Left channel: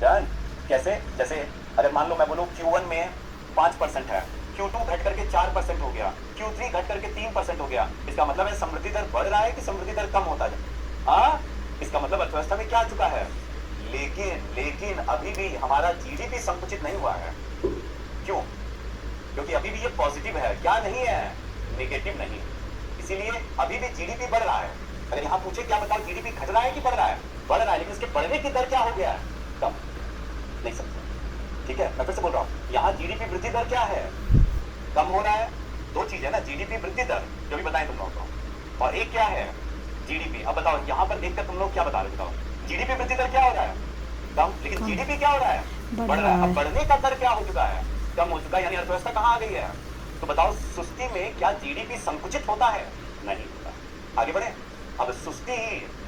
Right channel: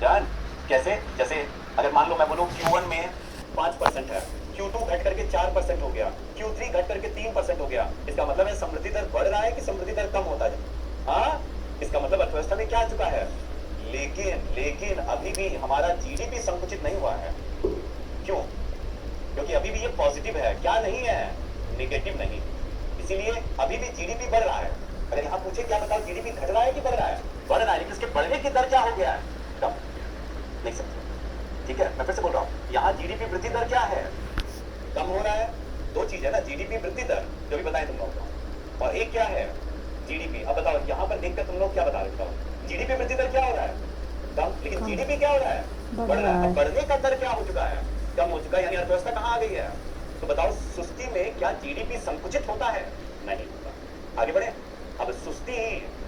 Done. कैसे? जैसे अगर मान लो मैं बोलूं Q1 में 5% है, Q2 घट करके 4% हो गया, Q3 घट करके 3% हो गया, इसका मतलब है समृद्धि दर बढ़ रहा है कि समृद्धि दर कम होता है? हाँ, इसका मतलब अर्थव्यवस्था में क्या आ चुका है? लेकिन लेकिन अभी भी हमारा जीडीपी संकुचित नहीं हुआ है। क्यों? क्योंकि अभी भी ये पॉजिटिव है, क्या नहीं है? नेगेटिव नहीं। इसीलिए अभी भी जीडीपी बढ़ रहा है। अगर यहाँ पूछे क्या बताओ जीडीपी घट रहा है कि बढ़ रहा है? बढ़ रहा है, लेकिन इसके बढ़ने की दर क्या हो गया है? कम। नहीं समझे? ठीक है, मैं फिर से बोल रहा हूँ, यहाँ जीडीपी वृद्धि दर क्या है? कम हो रहा है। दो चीज है ना, जीडीपी वृद्धि दर जो भी बताएं तुम लोगों को, और एक क्या है? जीडीपी। अब बताओ यहाँ पर देखकर तुम लोग क्या बता रहे हो? जीडीपी वृद्धि दर क्या हो रहा है? कम। लेकिन जीडीपी क्या हो रहा है? बढ़ रहा है। अब बढ़ने का दर क्या हो चुका है? कम हो चुका है, यानी अर्थव्यवस्था कहाँ आ गई है? तो बताओ सुस्ती में क्या जीडीपी संकुचित होता है? नहीं होता। आगे बढ़े। अब सुस्ती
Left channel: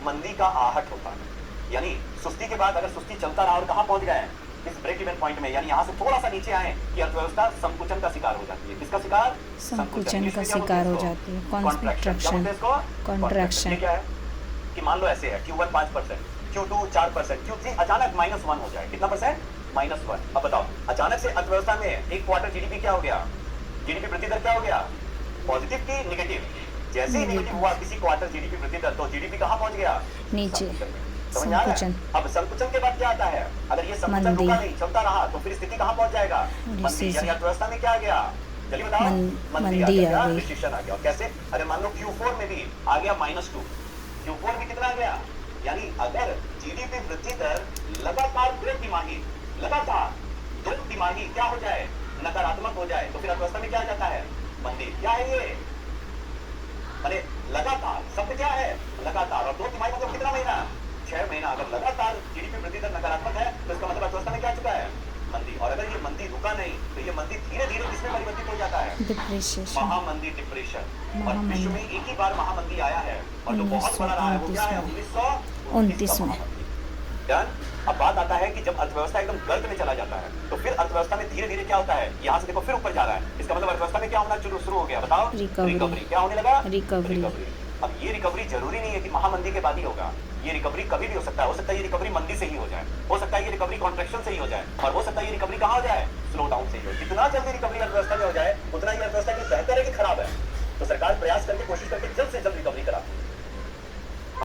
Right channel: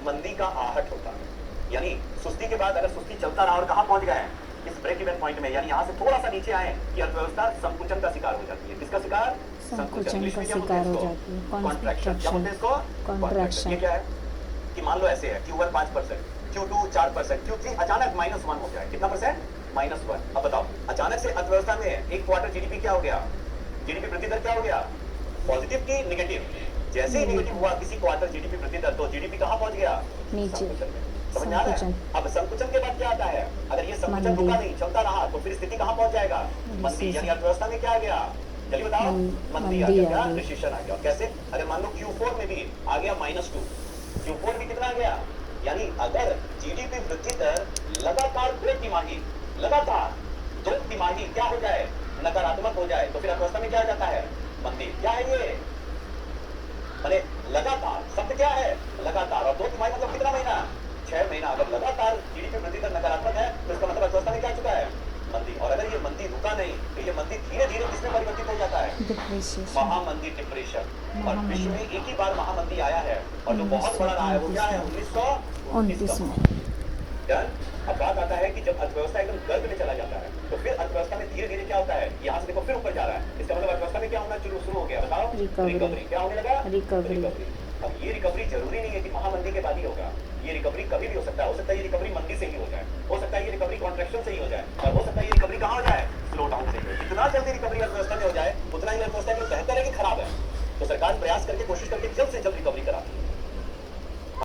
मंदी का आहट होता है, यानी सुस्ती के बाद अगर सुस्ती चलता रहा और कहाँ पहुंच गए इस ब्रेक इवन पॉइंट में, यानी यहाँ से थोड़ा सा नीचे आए कि अर्थव्यवस्था संकुचन का शिकार हो जाती है। किसका शिकार? संकुचन का शिकार हो जाती है। कॉन्ट्रैक्शन। क्या बोलते हैं इसको? कॉन्ट्रैक्शन। ये क्या है कि मान लो ऐसे है Q1 5%, Q2 4%, Q3 अचानक -1 हो जाए। कितना परसेंट? -1। अब बताओ अचानक से अर्थव्यवस्था में एक क्वार्टर जीडीपी क्या हो गया? जीडीपी वृद्धि दर क्या हो गया? पॉजिटिव की नेगेटिव? जैसे ही नेगेटिव हुआ किसी क्वार्टर जीडीपी वृद्धि दर, तो जीडीपी कहाँ पहुंच गया? नीचे। समझ में आ रहा है? अब संकुचन के बाद क्या आता है? अगर ये संकुचन रुका नहीं, चलता रहा, तो फिर स्थिति कहाँ पहुंच जाएगा? मंदी। यानी अर्थव्यवस्था में क्या आ गया? चलिए बताओ। मंदी आ गया, रिसेशन आ गया। और कैसे? अगर मान लो Q4 में भी आ गया -2, Q4 भी कितना आ गया? यानी अगर जीडीपी वृद्धि दर लगातार 2 तिमाही, लगातार 2 तिमाही क्या हो जाए? नकारात्मक हो जाए, तो फिर अर्थव्यवस्था में क्या आ जाता है? मंदी। क्या है ये? अरे लगातार शब्द क्या है? लगातार। और 2 तिमाही मतलब कितना महीना? 6 महीना। अगर लगातार जीडीपी वृद्धि दर नकारात्मक है, तो इसका मतलब अर्थव्यवस्था में क्या आ चुका है? मंदी। और अगर ये मंदी रुका नहीं, तो ये मंदी धीरे धीरे किसमें परिवर्तित हो जाता है? डिप्रेशन। महामंदी, डिप्रेशन। और विश्व में एक ही बार महामंदी आया है, और जो बहुत बड़ा रहा है वो क्या है? 1929 में। डन। अब बात आता है कि जब अर्थव्यवस्था एकदम गर्त में चला जाता है, तो फिर अर्थव्यवस्था में धीरे धीरे क्या होता है? यहाँ से देखो फिर ऊपर जा रहा है, इसका मतलब अर्थव्यवस्था में क्या होना शुरू हो गया? बताओ। रिकवरी। क्या होने लगा? रिकवरी। अब ये रिकवरी जरूरी नहीं है कि महामंदी के बाद ही होगा। ये रिकवरी कभी भी हो सकता है। हो सकता है ये रिकवरी मंदी से ही हो जाए, हो सकता है ये रिकवरी कॉन्ट्रैक्शन से ही हो जाए, और हो सकता है ये रिकवरी कहाँ हो जाए? स्लो डाउन से ही हो। जितना जल्दी रिकवरी अर्थव्यवस्था में हो जाए, उतना ही अर्थव्यवस्था की बेहतर है कि खराब है? तो सरकार प्रयास करके कोशिश करके जल्द से जल्द रिकवरी कराती है।